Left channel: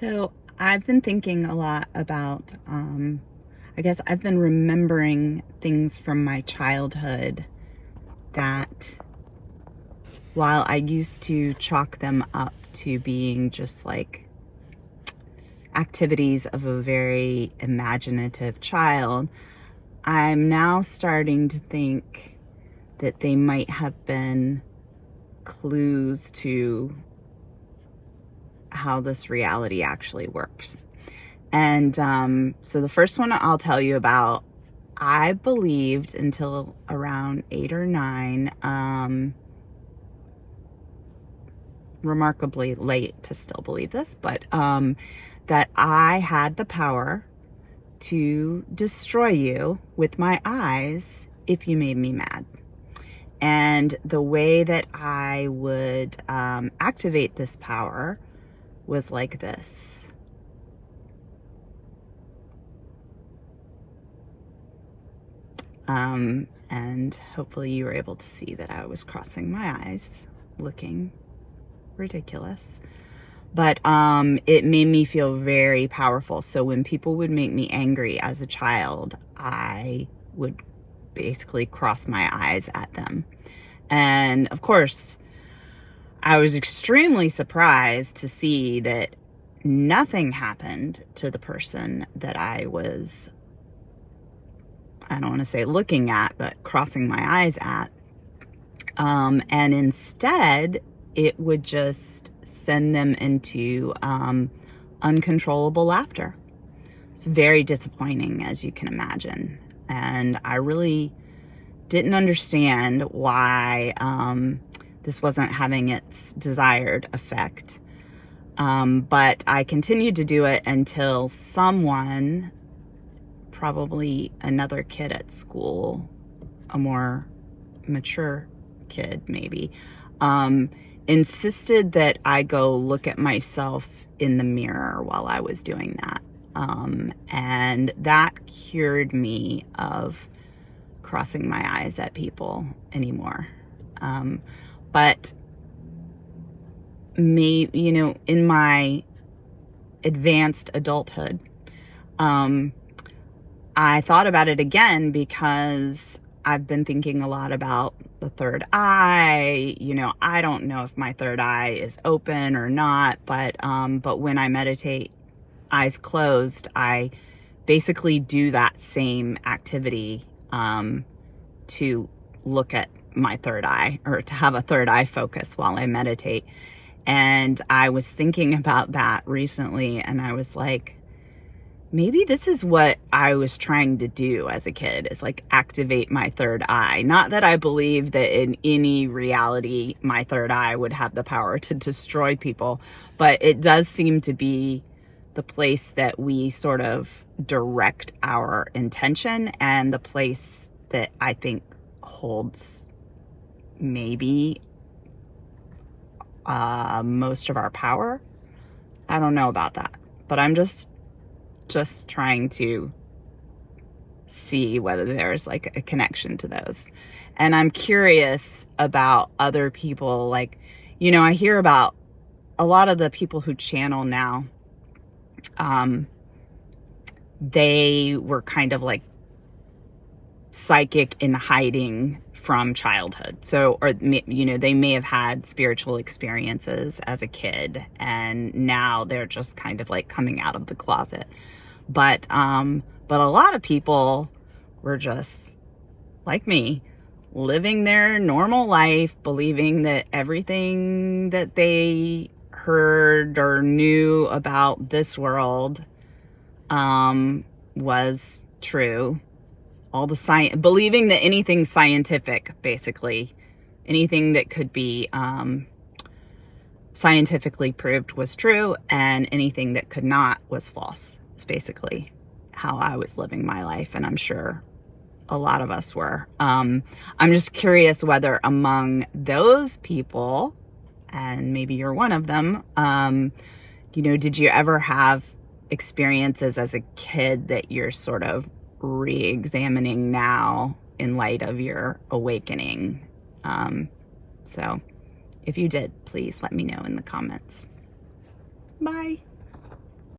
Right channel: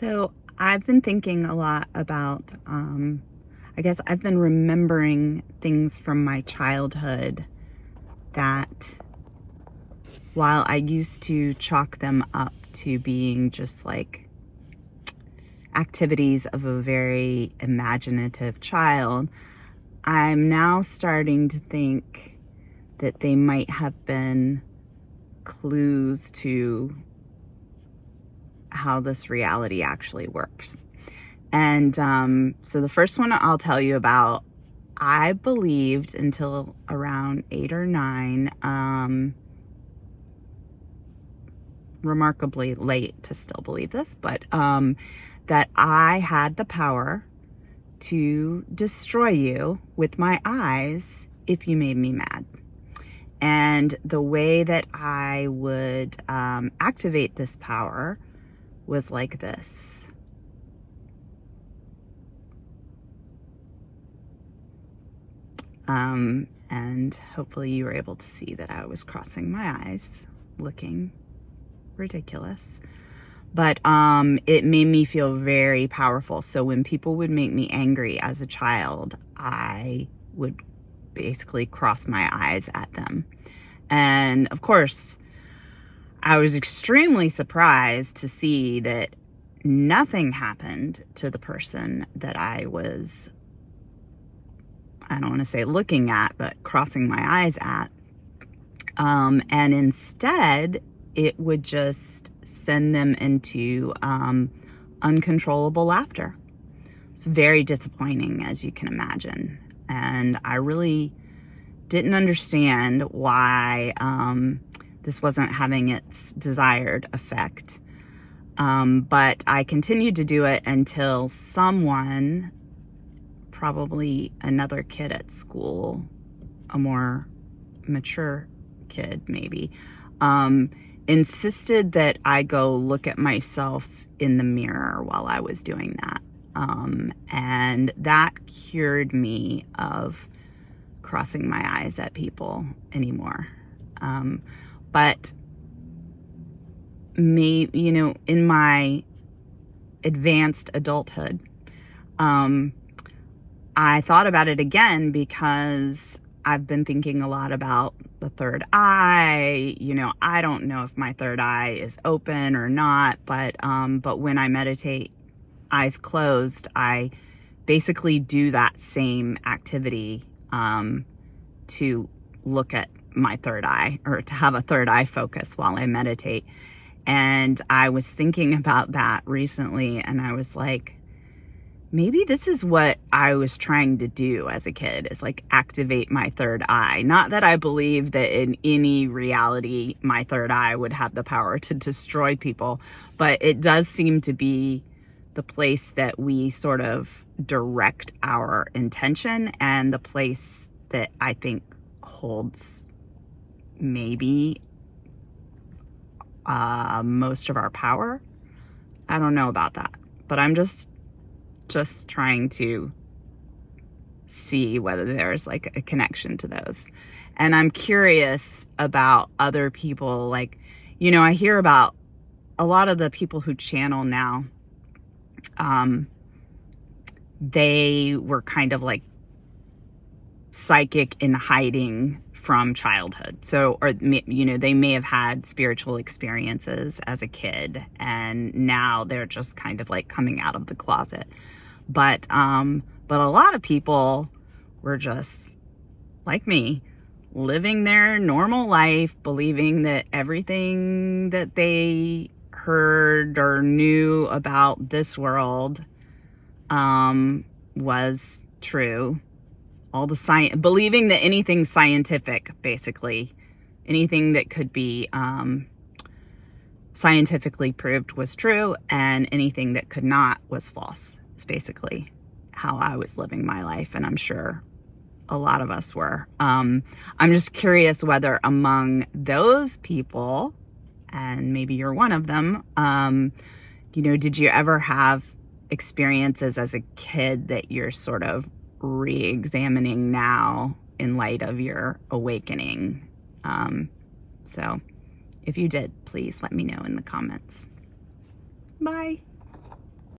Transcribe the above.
So I've been thinking a lot about, I guess I've been remembering things from my childhood that while I used to chalk them up to being just like activities of a very imaginative child, I'm now starting to think that they might have been clues to how this reality actually works. And so the first one I'll tell you about, I believed until around 8 or 9, remarkably late to still believe this, but that I had the power to destroy you with my eyes if you made me mad. And the way that I would activate this power was like this. And hopefully you were able to see that I was crossing my eyes, looking ridiculous. But it made me feel very powerful. So when people would make me angry as a child, I would basically cross my eyes at them. And of course, I was extremely surprised to see that nothing happened to the person that I was, I don't want to say looking at, but crossing my eyes at. And instead, it would just send them into uncontrollable laughter. It's very disappointing, as you can imagine. And I really didn't understand why this wasn't having its desired effect. But I continued to do it until someone, probably another kid at school, a more mature kid maybe, insisted that I go look at myself in the mirror while I was doing that. And that cured me of crossing my eyes at people anymore. But in my advanced adulthood, I thought about it again because I've been thinking a lot about the third eye. I don't know if my third eye is open or not, but when I meditate eyes closed, I basically do that same activity to look at my third eye, or to have a third eye focus while I meditate. And I was thinking about that recently, and I was like, maybe this is what I was trying to do as a kid, is like activate my third eye. Not that I believe that in any reality my third eye would have the power to destroy people, but it does seem to be the place that we sort of direct our intention, and the place that I think holds maybe most of our power. I don't know about that, but I'm just trying to see whether there's like a connection to those. And I'm curious about other people. Like, I hear about a lot of the people who channel now. They were kind of like psychic in hiding from childhood. So, or, they may have had spiritual experiences as a kid, and now they're just kind of like coming out of the closet. But a lot of people were just like me, living their normal life, believing that everything that they heard or knew about this world was true. All the science, believing that anything scientific, basically, anything that could be scientifically proved was true, and anything that could not was false. It's basically how I was living my life, and I'm sure a lot of us were. I'm just curious whether among those people, and maybe you're one of them, did you ever have experiences as a kid that you're sort of re-examining now in light of your awakening? So if you did, please let me know in the comments. Bye.